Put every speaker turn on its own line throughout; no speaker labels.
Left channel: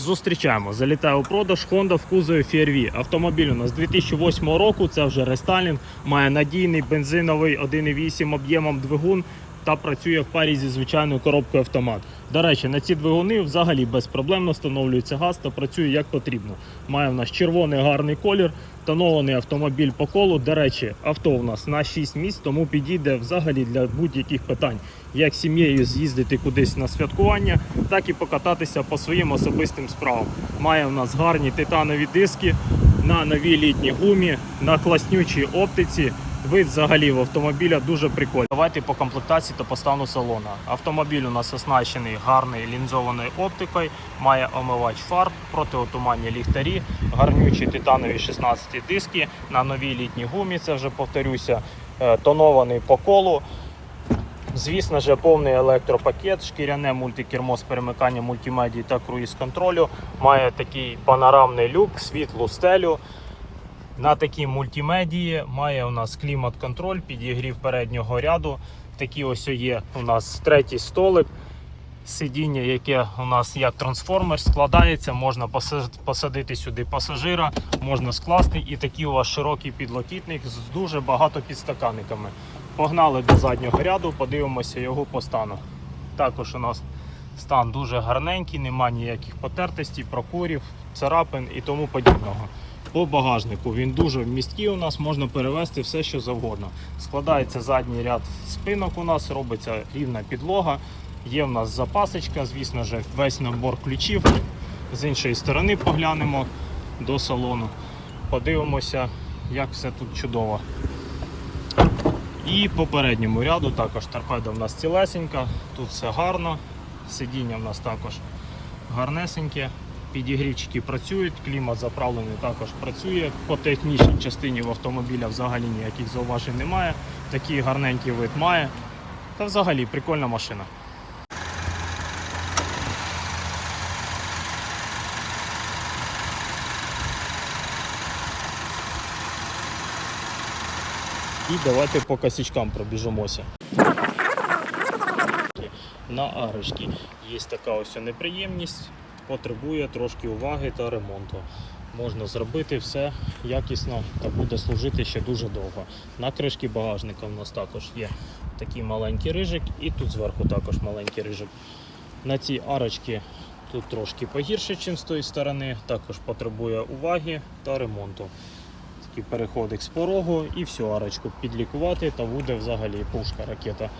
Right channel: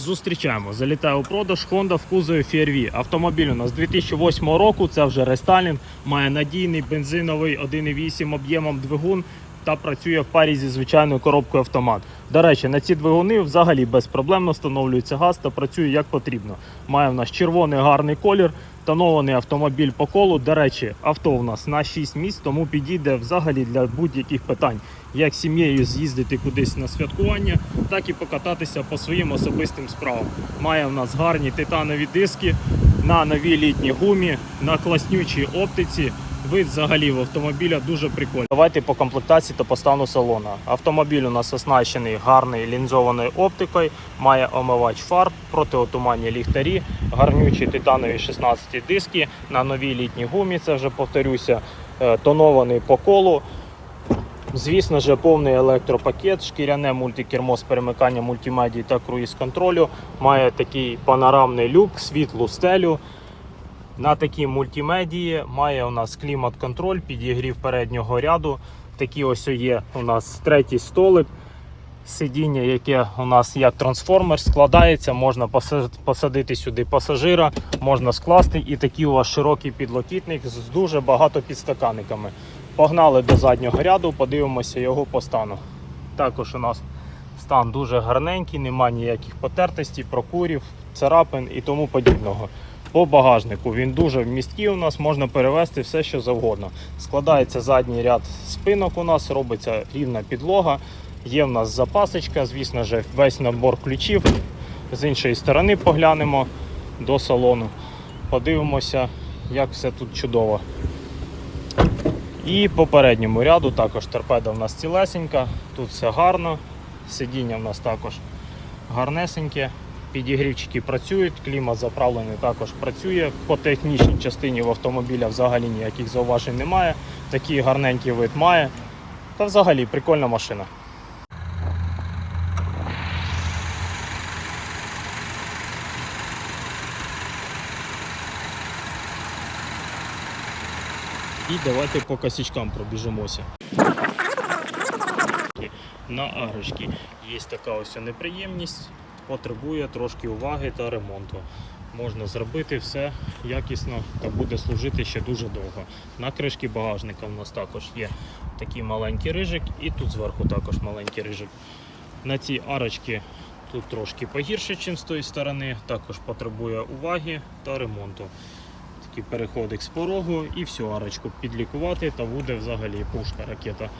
Зустрічаємо. Залітає у продаж Honda в кузові FRV. Автомобіль у нас 2008 року. Це вже рестайлінг. Має надійний бензиновий 1,8 об'ємом двигун та працює в парі зі звичайною коробкою автомат. До речі, на ці двигуни взагалі безпроблемно встановлюється газ та працює як потрібно. Має в нас червоний гарний колір, тонований автомобіль по колу. До речі, авто у нас на 6 місць, тому підійде взагалі для будь-яких питань, як сім'єю з'їздити кудись на святкування, так і покататися по своїм особистим справам. Має в нас гарні титанові диски на новій літній гумі, на класнючій оптиці. Вид взагалі в автомобіля дуже прикольний. Давайте по комплектації та по стану салону. Автомобіль у нас оснащений гарною лінзованою оптикою, має омивач фар, протиотуманні ліхтарі, гарнючі титанові 16 диски на новій літній гумі. Це вже повторюся, е, тонований по колу. Звісно ж, повний електропакет, шкіряне мультикермо з перемиканням мультимедії та круїз контролю. Має такий панорамний люк, світлу стелю. На такій мультимедії має у нас клімат-контроль, підігрів переднього ряду. Такі ось є у нас третій столик. Сидіння, яке у нас як трансформер, складається, можна посадити сюди пасажира, можна скласти і такий у вас широкий підлокітник з дуже багато підстаканниками. Погнали до заднього ряду, подивимося його по стану. Також у нас стан дуже гарненький, немає ніяких потертостей, прокурів, царапин і тому подібного. По багажнику він дуже вмісткий у нас, можна перевезти все, що завгодно. Складається задній ряд спинок у нас, робиться рівна підлога. Є в нас запасочка, звісно ж, весь набор ключів. З іншої сторони поглянемо до салону. Подивимося, як все тут чудово. І по передньому ряду також торпеда в нас цілесенька, тут все гарно. Сидіння в нас також гарнесеньке. Підігрівчики працюють, клімат заправлений також працює. По технічній частині в автомобіля взагалі ніяких зауважень немає. Такий гарненький вид має. Та взагалі прикольна машина. І давайте по косячкам пробіжимося. На арочці є така ось неприємність, потребує трошки уваги та ремонту. Можна зробити все якісно та буде служити ще дуже довго. На кришки багажника в нас також є такий маленький рижик, і тут зверху також маленький рижик. На цій арочці тут трошки погірше, ніж з тої сторони, також потребує уваги та ремонту. Такий переходик з порогу і всю арочку підлікувати та буде взагалі пушка ракета.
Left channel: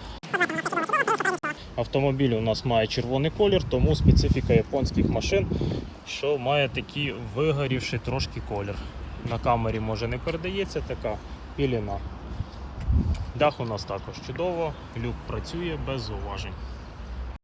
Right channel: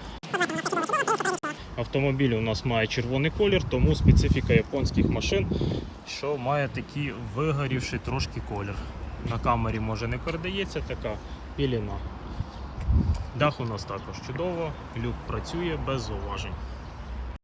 Автомобіль у нас має червоний колір, тому специфіка японських машин, що має такий вигорівший трошки колір. На камері може не передається така піліна. Дах у нас також чудово, люк працює без зауважень.